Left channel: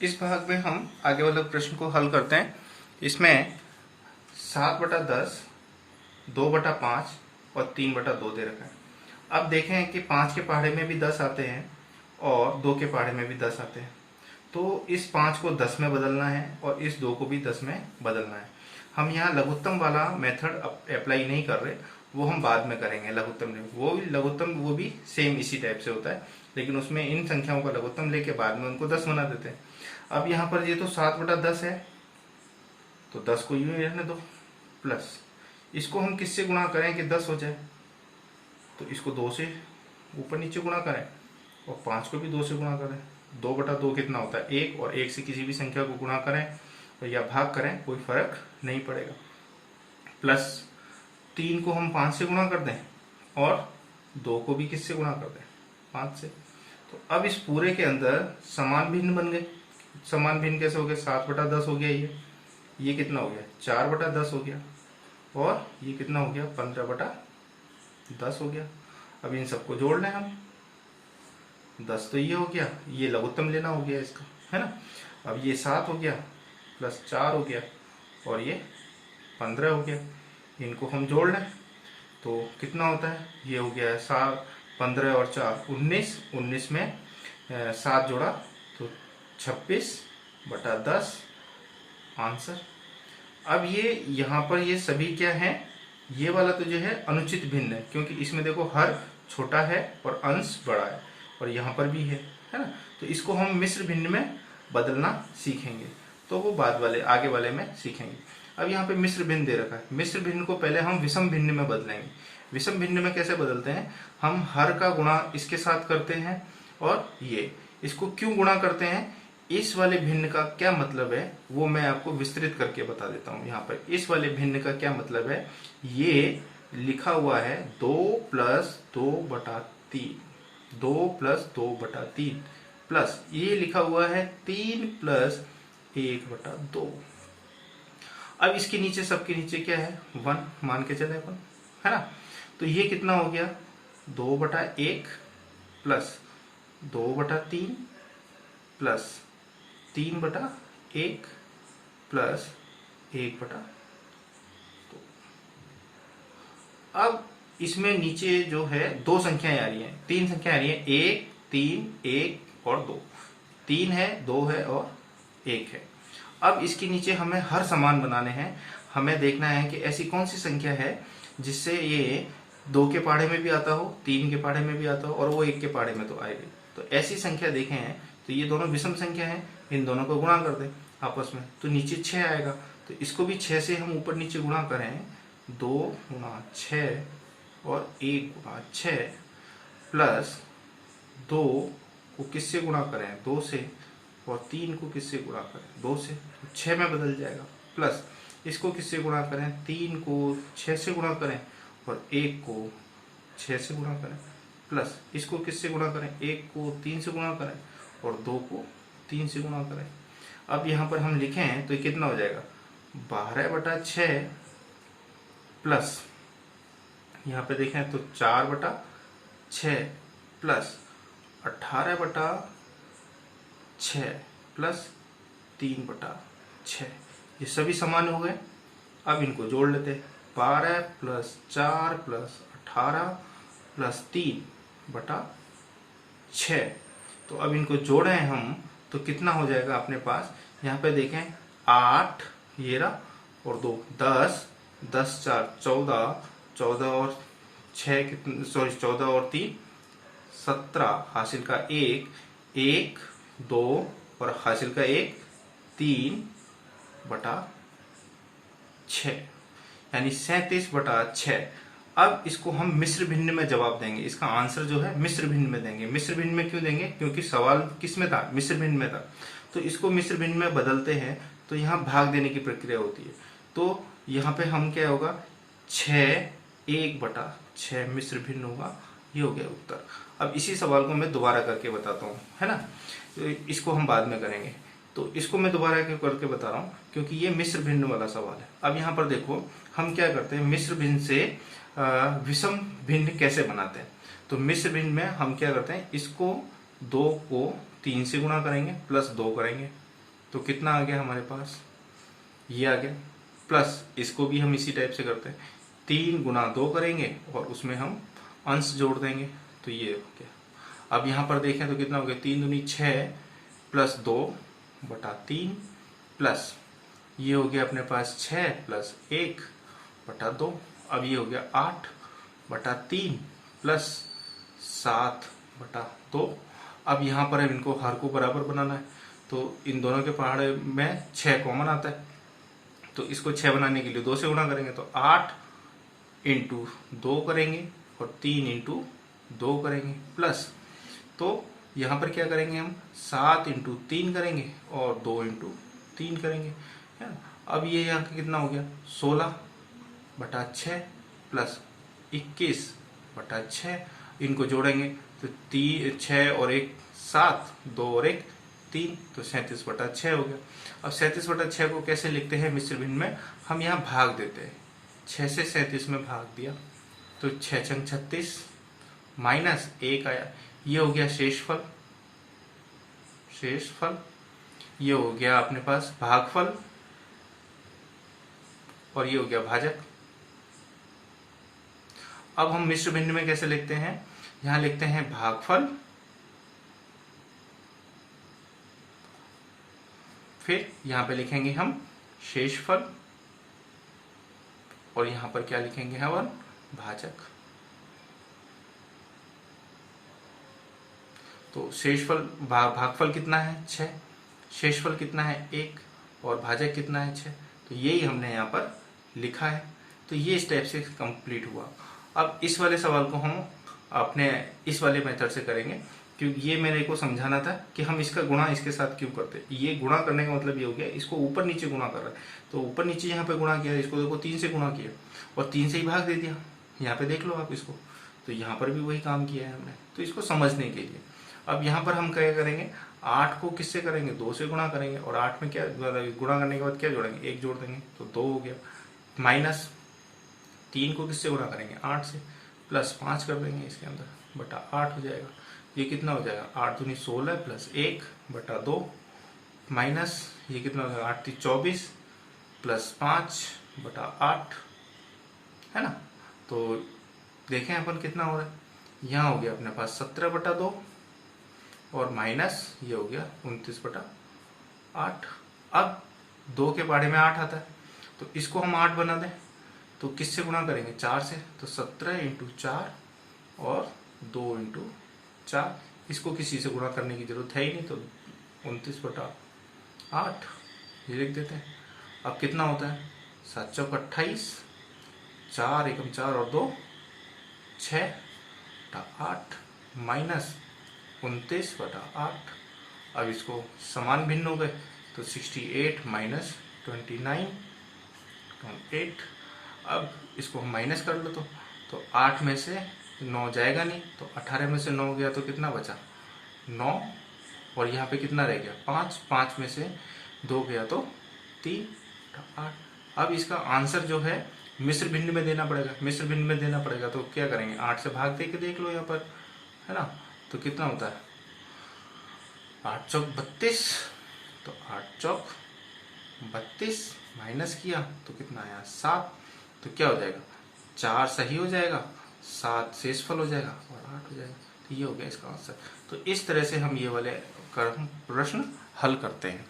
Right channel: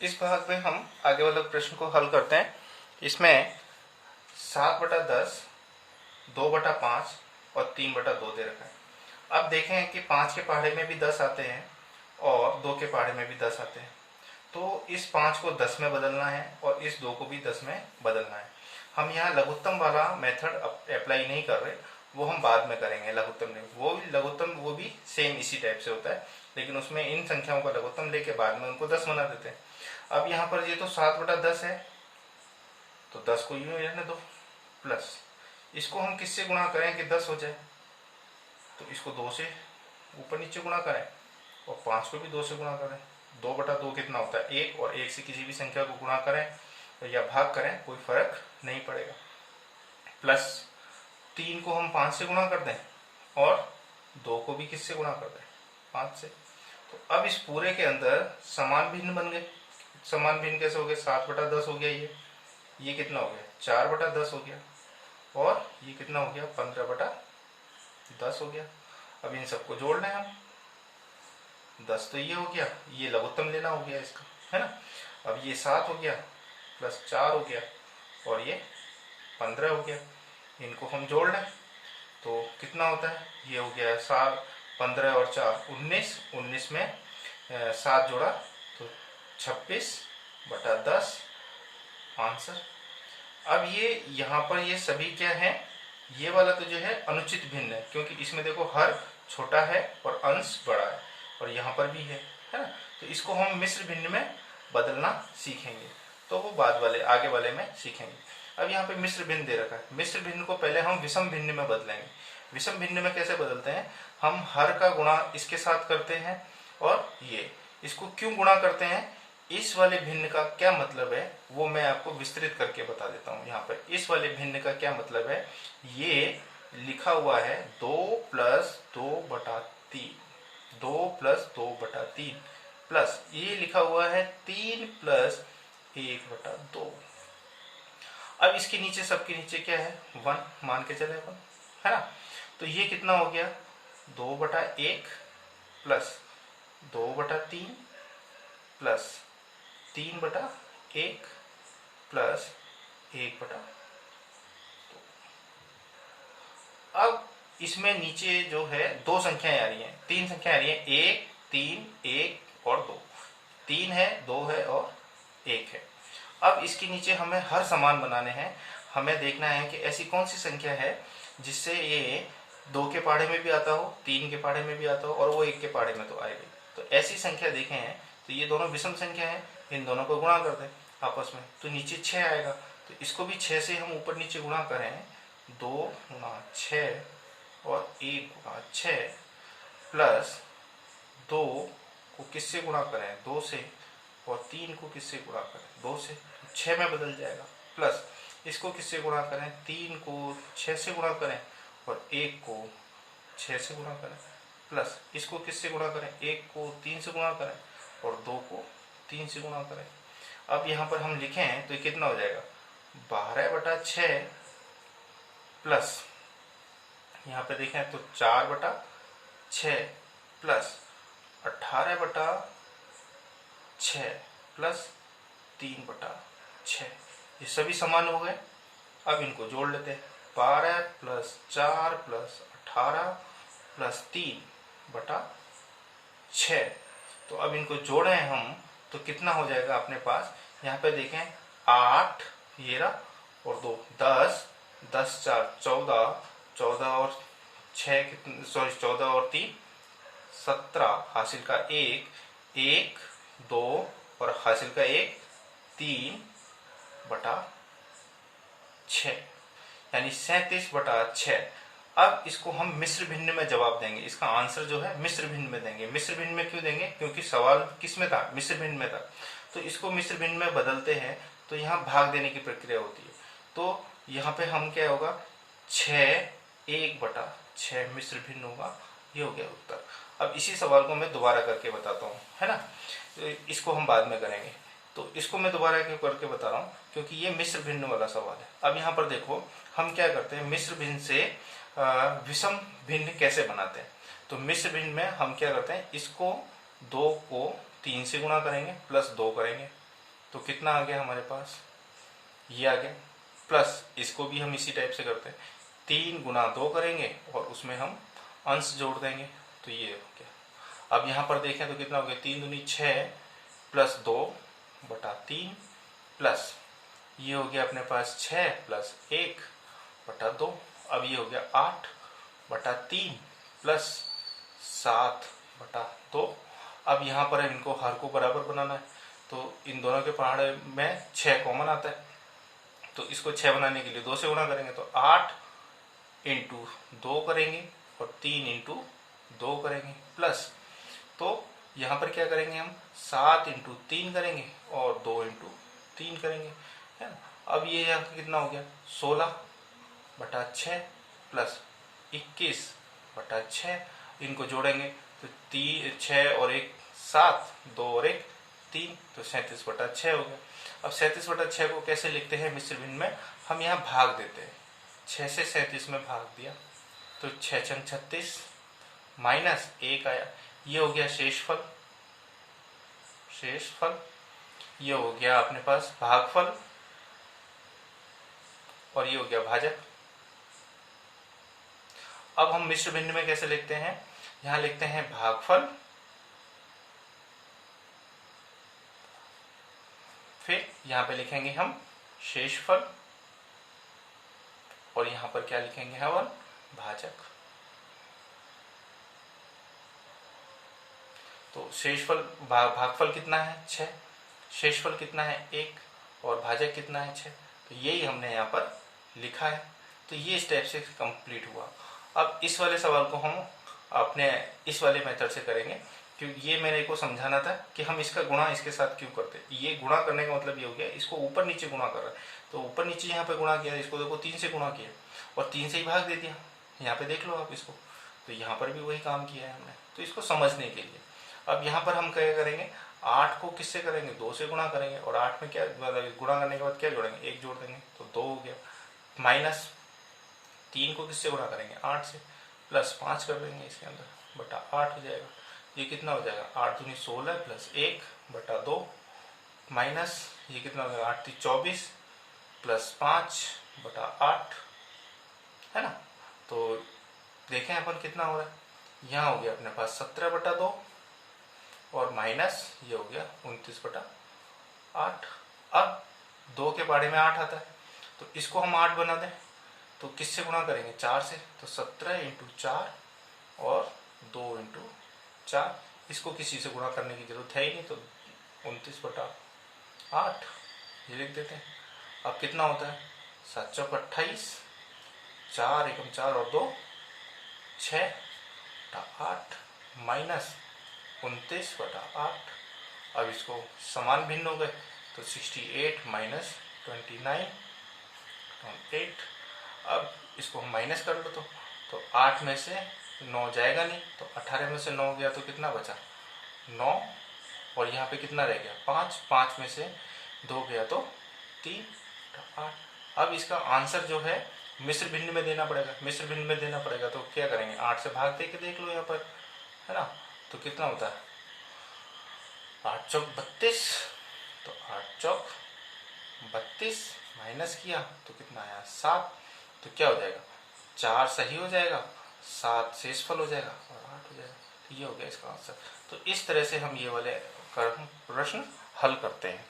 इस भाग में हम आगे वाले प्रश्न को हल करते हैं। इसमें 7/10, 2/5 और 3/2 दे रखा है। अब देखें कि 5 के पहाड़े में भी 10 आते हैं और 2 के पहाड़े में भी 10 आते हैं। तो इस 5 को 10 में बदलना है और इस 2 को भी 10 में बदलना है। हम यहाँ लघुत्तम वाला मेथड अप्लाई नहीं कर रहे, वो हम बाद में करेंगे। लघुत्तम वो भी सेम इसी टाइप से होता है, लेकिन उसमें इन संख्याओं का लघुत्तम लेके बाद में उनको 10 बना देते हैं। अब यहाँ पर ये तो 7/10 है, तो 10 को यूं रहने दो, प्लस इसको हम किससे गुणा करें कि 10 हो जाए, तो इसको 2 से ऊपर नीचे गुणा करें और 5 को भी 2 से गुणा करें। 2/2 कितना होता है 1, और 1 से किसी भी संख्या को गुणा करें या भाग करें कोई फर्क नहीं पड़ेगा। प्लस 3 को हम 5 से गुणा कर दें और 2 को भी किससे गुणा कर दें 5 से। तो अब इस पूरे के अंदर समान भिन्न बन गए। समान भिन्न कैसे हो गए, 7/10 हो गया, ये कितना हो गया 4/10 हो गया, और ये कितना हो गया 15/10 हो गया। अब इन सबको जोड़ लें हम, 10 तो ये हो गया, ये लघुत्तम लेना हो गया इसका, है ना। अब ये 7 हो गया प्लस 4 हो गया और ये 15 हो गया। इनको हम जोड़ लें तो कितना होता है, ये हो गया 7, 15 और 4 19, 19 में 7 जोड़ा तो 26/10 आंसर। अब ये यहाँ पर ये सभी क्या है, ये वाला तो जो है अनुचित भिन्न है, क्योंकि इसमें देखो हर छोटा है और अंश बड़ा है, और यहाँ पर भी है ना। तो इसको हम मिश्र भिन्न में बदलना सीखेंगे, तो वो बाद वाले आगे वाले में सीखेंगे। अब यहाँ पे मिश्र भिन्न दे रखा है, मिश्र भिन्न को पहले हम विषम भिन्न में बदलेंगे। विषम भिन्न में कैसे बदलते हैं, हम हर का गुणा इसके साथ करते हैं, और ये इसको क्यों गुणा करते हैं, इस वाले भिन्न का क्या मतलब है वो मैं आपको विस्तृत करके बता देता हूँ। यहाँ पर इस वाले भिन्न का क्या मतलब है, ये लिखा हुआ है 2 + 2/3, 2 + 2/3, प्लस ये लिखा हुआ है 3 + 1/2। अब इसके नीचे, सबके नीचे क्या है 1 मान के चले अपन, है ना। तो ये कितना हो गया 2/1 प्लस 2/3 प्लस 3/1 प्लस 1/2। अब इसमें नीचे जो है 2 संख्याएं आ रही हैं, 3 संख्याएं आ रही हैं, 1, 3, 1 और 2। 3 है, 2 है और 1 है। अब इसके नीचे हमें हर समान बनाने हैं। हमें देखना है कि ऐसी कौन सी संख्या है जिससे ये 2 के पहाड़े में भी आता हो, 3 के पहाड़े में भी आता हो, और वो 1 के पहाड़े में तो आएगी। तो ऐसी संख्या देखें हैं, तो ये दोनों विषम संख्या है, इन दोनों को गुणा कर दें आपस में, तो नीचे 6 आएगा। तो इसको भी 6 से हम ऊपर नीचे गुणा करें, 2 × 6 और 1 × 6 प्लस 2 को किससे गुणा करें 2 से, और 3 को किससे गुणा करें 2 से, 6 में बदल जाएगा। प्लस इसको किससे गुणा करें, 3 को 6 से गुणा करें और 1 को 6 से गुणा करें, प्लस इसको किससे गुणा करें, 1 को 3 से गुणा करें और 2 को 3 से गुणा करें। अब यहाँ पर हम लिखें तो ये कितना हो जाएगा 12/6 प्लस यहाँ पे देखें तो 4/6 प्लस 18/6 प्लस 3/6। ये सभी समान हो गए। अब इनको जोड़ लेते हैं, 12 + 4 + 18 + 3/6। तो अब इनको जोड़ें हम तो कितना हो जाएगा अपने पास, यहाँ पे देखें 8 ये रहा और 2 10, 10 × 4 14, 14 और 6 कितने, सॉरी 14 और 3 17, हासिल का 1, 1 2 और हासिल का 1 3/6, यानी 37/6। अब इसको हम मिश्र भिन्न में जवाब देंगे, इसका आंसर जो है मिश्र भिन्न में देंगे। मिश्र भिन्न में क्यों देंगे, क्योंकि सवाल किस में था, मिश्र भिन्न में था। तो इसको मिश्र भिन्न में बदलते हैं तो यहाँ भाग देने की प्रक्रिया होती है। तो यहाँ पे हम क्या होगा 6 1/6 मिश्र भिन्न होगा, ये हो गया उत्तर। अब इसी सवाल को मैं दोबारा करके बताता हूँ, है ना। तो इसको हम बाद में करेंगे, तो इसको मैं दोबारा करके बता रहा हूँ क्योंकि ये मिश्र भिन्न वाला सवाल है। अब यहाँ पर देखो हम क्या करते हैं, मिश्र भिन्न से विषम भिन्न कैसे बनाते हैं। तो मिश्र भिन्न में हम क्या करते हैं, इसको 2 को 3 से गुणा करेंगे प्लस 2 करेंगे, तो कितना आ गया हमारे पास, ये आ गया। प्लस इसको भी हम इसी टाइप से करते हैं, 3 गुना 2 करेंगे और उसमें हम अंश जोड़ देंगे, तो ये हो गया। अब यहाँ पर देखें तो कितना हो गया, 3 दूनी 6 प्लस 2 बटा 3 प्लस ये हो गया अपने पास 6 प्लस 1 बटा 2। अब ये हो गया 8 बटा 3 प्लस 7 बटा 2। अब यहाँ पर इनको हर को बराबर बनाना है, तो इन दोनों के पहाड़े में 6 कॉमन आता है, तो इसको 6 बनाने के लिए 2 से गुणा करेंगे, तो 8 इंटू 2 करेंगे और 3 इंटू 2 करेंगे प्लस, तो यहाँ पर क्या करेंगे हम 7 इंटू 3 करेंगे और 2 इंटू 3 करेंगे, है ना। अब ये यहाँ का कितना हो गया, 16 बटा 6 प्लस 21 बटा 6, इनको जोड़ेंगे तो 6 और 1 7, 2 और 1 3, तो 37 बटा 6 हो गया। अब 37 बटा 6 को कैसे लिखते हैं मिश्र भिन्न में, हम यहाँ भाग देते हैं, 6 से 37 में भाग दिया तो 6 छन 36 माइनस 1 आया, ये हो गया शेषफल। शेषफल ये हो गया अपने पास भागफल और ये हो गया भाजक। अब हम मिश्र भिन्न में कैसे लिखते हैं, यहां लिखते हैं भागफल, फिर यहां पे लिखेंगे हम शेषफल और यहां पर क्या लिखेंगे हम, भाजक। तो शेषफल भागफल कितना है 6, शेषफल कितना है 1 और भाजक कितना है 6, तो यही हमने यहाँ पर लिखा है। तो ये स्टेप से कंप्लीट हुआ। अब इस वाले सवाल को हम अपने इस वाले मेथड से करेंगे, क्योंकि ये मैंने को समझाना था कि हम इसका गुणा इसके साथ क्यों करते। ये गुणा करने का मतलब ये हो गया, इसको ऊपर नीचे गुणा कर रहा है, तो ऊपर नीचे यहाँ पे गुणा किया, इसको देखो 3 से गुणा किया और 3 से ही भाग दे दिया, यहाँ पे देख लो आप इसको, तो यहाँ पर भी वही काम किया है हमने, तो इसको समझने के लिए। अब यहाँ पर हम क्या करेंगे, 8 को किससे करेंगे, 2 से गुणा करेंगे और 8 में क्या गुणा करने के बाद क्या जोड़ेंगे, 1 जोड़ देंगे तो 2 हो गया, माइनस 3 को किससे गुणा करेंगे 8 से, प्लस 5 कर देंगे इसके अंदर बटा 8 हो जाएगा। ये कितना हो जाएगा 8 दूनी 16 प्लस 1 बटा 2 माइनस ये कितना हो जाएगा 8 3 24 प्लस 5 बटा 8, है ना। तो देखें अपन कितना हो रहा है, यहाँ हो गया अपने पास 17 बटा 2 और माइनस ये हो गया 29 बटा 8। अब 2 के पहाड़े में 8 आता है, तो इसको हम 8 बना दें, तो किससे गुणा करेंगे 4 से, तो 17 इंटू 4 और 2 इंटू 4, इसको किसी से गुणा करने की जरूरत है ही नहीं, तो 29 बटा 8 ये लिख देते हैं। अब कितना होता है 7 चौक 28, 4 एकम 4 और 2 6 बटा 8 माइनस 29 बटा 8। अब इसको समान भिन्न हो गए, तो 68 माइनस 29 8। अब इसको हम माइनस कर लो, तो 8 में से 9 जाएगा नहीं, तो 18 में से 9 गया तो कितना बचा 9, और यहाँ पे कितना रह गया 5, 5 में से 2 गया तो 3 8। अब इसका आंसर जो है मिश्र भिन्न में देना पड़ेगा, मिश्र भिन्न में देना पड़ेगा, तो क्या करेंगे 8 से भाग दे के देख लो यहाँ पर, है ना। तो कितना होता है 8 चौक 32, तो 8 चौक 32 माइनस किया तो कितना आया 7, तो क्या हो जाएगा 4 सही हो जाएगा, 7 शेषफल हो जाएगा और 8 हो जाएगा। तो ये हो गया इसका आंसर। तो इस तरह से हम ये वाले प्रश्न हल करते हैं।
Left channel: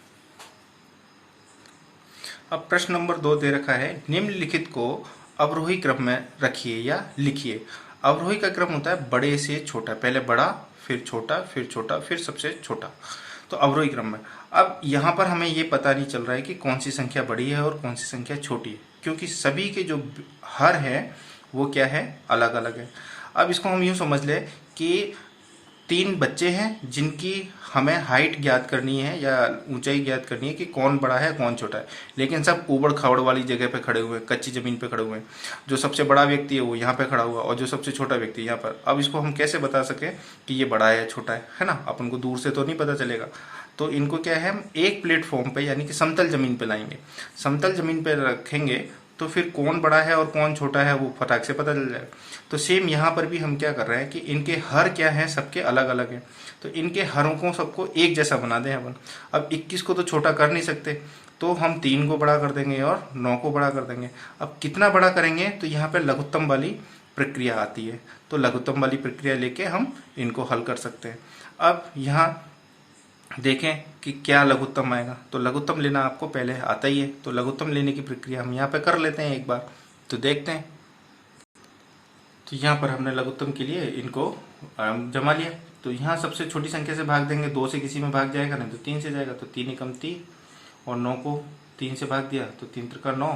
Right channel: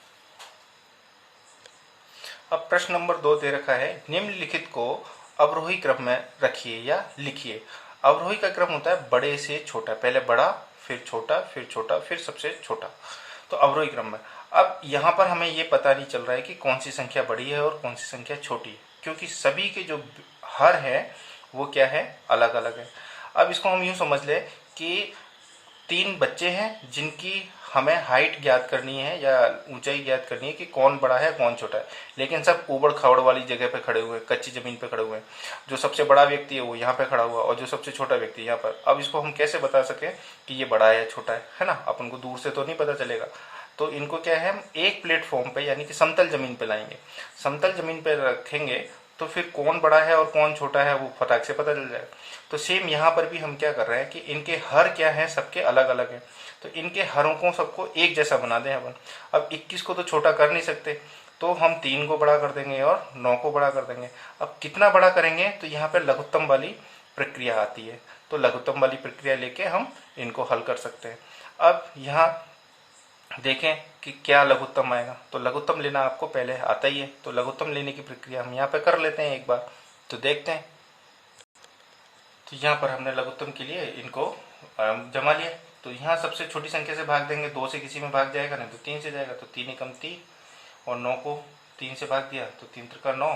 अब प्रश्न नंबर 2 दे रखा है, निम्नलिखित को अवरोही क्रम में रखिए या लिखिए। अवरोही का क्रम होता है बड़े से छोटा, पहले बड़ा फिर छोटा फिर छोटा फिर सबसे छोटा, तो अवरोही क्रम में। अब यहाँ पर हमें ये पता नहीं चल रहा है कि कौन सी संख्या बड़ी है और कौन सी संख्या छोटी है, क्योंकि सभी के जो हर है वो क्या है अलग अलग है। अब इसको हम यूं समझ ले कि 3 बच्चे हैं जिनकी हमें हाइट ज्ञात करनी है या ऊंचाई ज्ञात करनी है कि कौन बड़ा है कौन छोटा है, लेकिन सब ऊबड़ खाबड़ वाली जगह पे खड़े हुए हैं, कच्ची जमीन पे खड़े हुए हैं। जो सबसे बड़ा व्यक्ति है वो यहाँ पे खड़ा हुआ और जो सबसे छोटा व्यक्ति यहाँ पर। अब इसको हम कैसे बता सके कि ये बड़ा है या छोटा है ना, अपन को दूर से तो नहीं पता चलेगा। तो इनको क्या है हम एक प्लेटफॉर्म पे यानी कि समतल जमीन पे लाएंगे, समतल जमीन पे रखेंगे तो फिर कौन बड़ा है और कौन छोटा है वो फटाक से पता चल जाएगा। तो सेम यहाँ पर भी हम क्या कर रहे हैं कि इनके हर क्या है, सबके अलग अलग हैं, तो इनके हरों को सबको एक जैसा बना दें अपन। अब 21 को तो छोटा कर नहीं सकते, तो हम 3 को बड़ा कर देंगे और 9 को बड़ा कर देंगे। अब कितना बड़ा करेंगे, तो यहाँ पे लघुत्तम वाली प्रक्रिया आती है, तो लघुत्तम वाली प्रक्रिया लेके हम इनको हल कर सकते हैं। अब यहाँ देखें कि क्या लघुत्तम आएगा, तो लघुत्तम लेना आपको पहले आता ही है, तो लघुत्तम लेने की प्रक्रिया हम यहाँ पे कर लेते हैं एक बार, तो देखते हैं। तो यहाँ पर हमने लघुत्तम के लिए इनको जमा लिया, तो यहाँ सबसे छोटी संख्या से भाग देंगे, 2 से किसी में भाग जाएगा नहीं तो 3 से जाएगा, तो 3 एकम 3 और 9 को 3 से भाग दिया तो 3 त्रिका 9,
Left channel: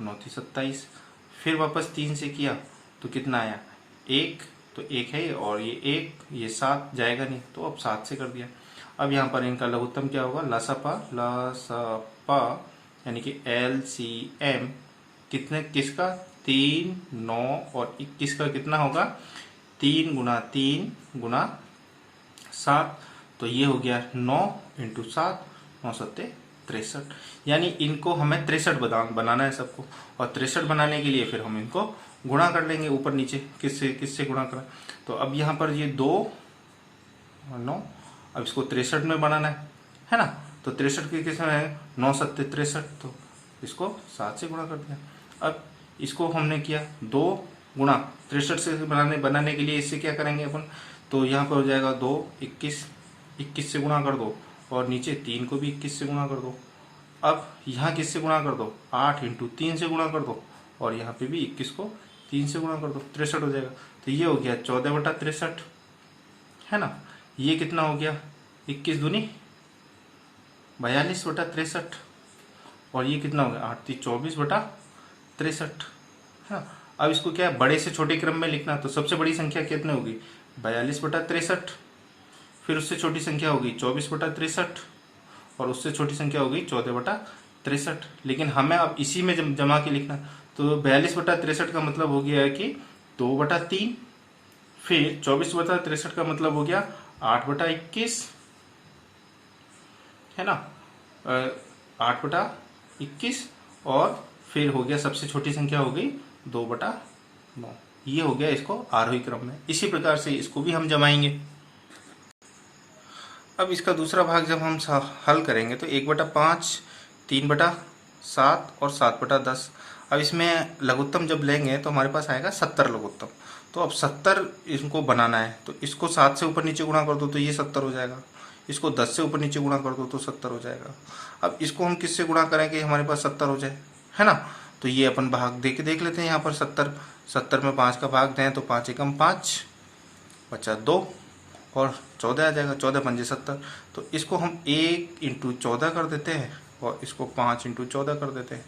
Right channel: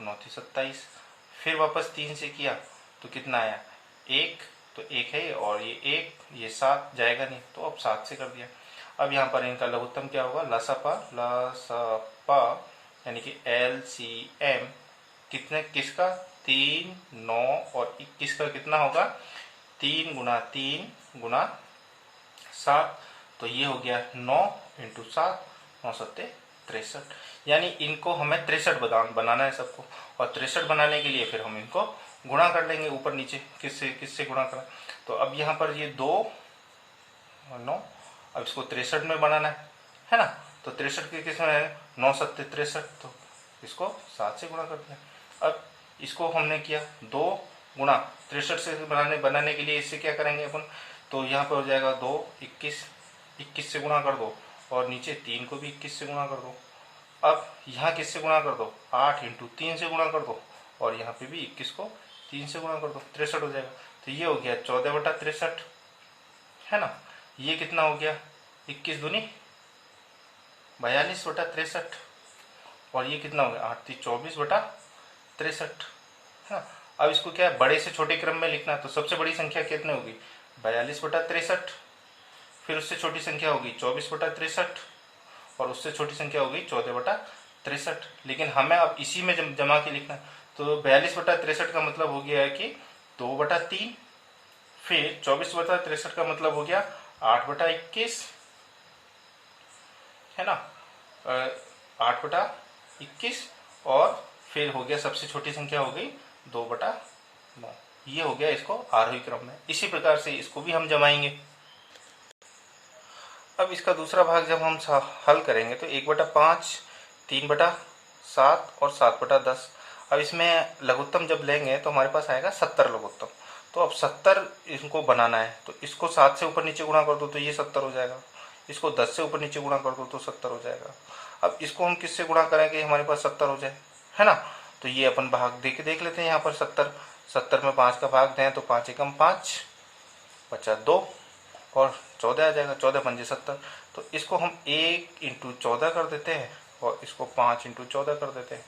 9 3 27, फिर वापस 3 से किया तो कितना आया 1, तो 1 है और ये 1, ये 7 जाएगा नहीं, तो अब 7 से कर दिया। अब यहाँ पर इनका लघुत्तम क्या होगा, लसपा यानी कि LCM कितने, किसका 3, 9 और 21 का कितना होगा 3 गुना 3 गुना 7, तो ये हो गया 9 इंटू 7, 9 7 63, यानी इनको हमें 63 बनाना है सबको, और 63 बनाने के लिए फिर हम इनको गुणा कर लेंगे ऊपर नीचे, किससे गुणा करें। तो अब यहाँ पर ये 2 9, अब इसको 63 में बनाना है ना, तो 63 के किस में है 9 7 63, तो इसको 7 से गुणा करते हैं। अब इसको हमने किया 2 गुणा 63 से बनाने के लिए इससे क्या करेंगे अपन, तो यहाँ पर हो जाएगा 2 21, 21 से गुणा कर दो, और नीचे 3 को भी 21 से गुणा कर दो। अब यहाँ किससे गुणा कर दो, 8 इंटू 3 से गुणा कर दो, और यहाँ पे भी 21 को 3 से गुणा कर दो, 63 हो जाएगा। तो ये हो गया 14 बटा 63 है ना। ये कितना हो गया 21 दूनी 42 बटा 63, और ये कितना हो गया 8 3 24 बटा 63 है ना। अब इसको क्या है बड़े से छोटे क्रम में लिखना, तो सबसे बड़ी संख्या कितनी होगी 42 बटा 63, फिर उससे छोटी संख्या होगी 24 बटा 63, और उससे छोटी संख्या होगी 14 बटा 63। लेकिन हमें अब इसी में जमा के लिखना, तो 42 बटा 63 का मतलब हो गया कि 2 बटा 3, फिर 24 बटा 63 का मतलब हो गया 8 बटा 21 है ना, 8 बटा 21, और फिर हो गया सबसे छोटी संख्या हो गई 2 बटा 9। ये हो गया इसको आरोही क्रम में। इसी प्रकार से इसको भी हम जमाएंगे। अब इसका दूसरा भाग जब हम हल करेंगे तो 1 बटा 5, 3 बटा 7 और 7 बटा 10। अब इसमें लघुत्तम जब लेंगे तो हमारे पास आएगा 70 लघुत्तम। तो अब 70 इनको बनाना है, तो इसको 7 से ऊपर नीचे गुणा कर दो तो ये 70 हो जाएगा, इसको 10 से ऊपर नीचे गुणा कर दो तो 70 हो जाएगा। अब इसको हम किससे गुणा करेंगे हमारे पास 70 हो जाए, है ना। तो ये अपन भाग देख देख लेते हैं। यहाँ पर 70 में 5 का भाग दें तो 5 एकम 5 बचा 2 और 14 आ जाएगा, 14 पंजे 70। तो इसको हम 1 इंटू 14 कर देते हैं और इसको 5 इंटू 14 कर देते हैं।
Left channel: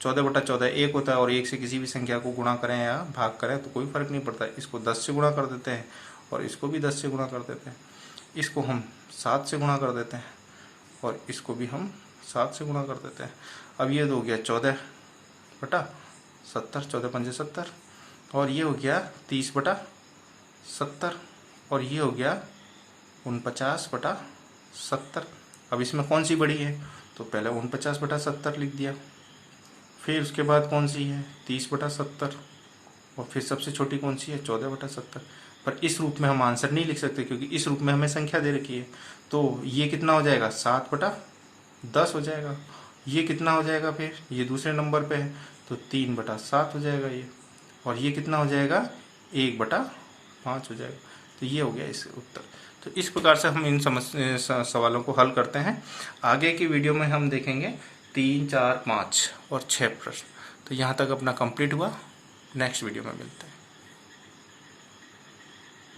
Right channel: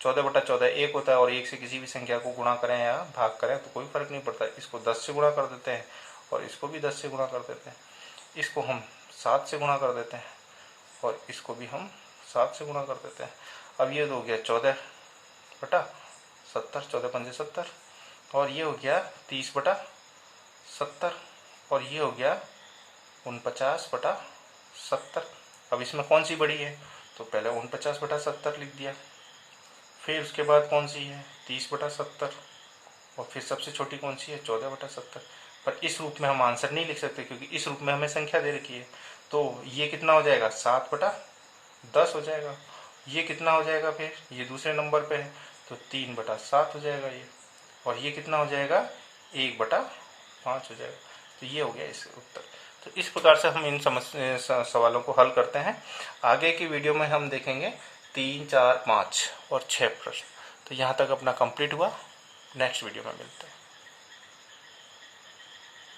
14 बटा 14 1 होता है, और 1 से किसी भी संख्या को गुणा करें या भाग करें तो कोई फर्क नहीं पड़ता। इसको 10 से गुणा कर देते हैं और इसको भी 10 से गुणा कर देते हैं। इसको हम 7 से गुणा कर देते हैं और इसको भी हम 7 से गुणा कर देते हैं। अब ये हो गया 14 बटा 70, 14 पंजे 70, और ये हो गया 30 बटा 70, और ये हो गया 49 बटा 70। अब इसमें कौन सी बड़ी है, तो पहले 49 बटा 70 लिख दिया, फिर उसके बाद कौन सी है 30 बटा 70, और फिर सबसे छोटी कौन सी है 14 बटा 70। पर इस रूप में हम आंसर नहीं लिख सकते क्योंकि इस रूप में हमें संख्या दे रखी है। तो ये कितना हो जाएगा 7 बटा 10 हो जाएगा। ये कितना हो जाएगा, फिर ये दूसरे नंबर पे है तो 3 बटा 7 हो जाएगा ये, और ये कितना हो जाएगा 1 बटा 5 हो जाएगा। तो ये हो गया इसका उत्तर। तो इस प्रकार से हम इन सवालों को हल करते हैं। आगे की वीडियो में हम देखेंगे 3, 4, 5 और 6 प्रश्न। तो यहाँ तक अपना कंप्लीट हुआ। नेक्स्ट वीडियो में मिलते हैं।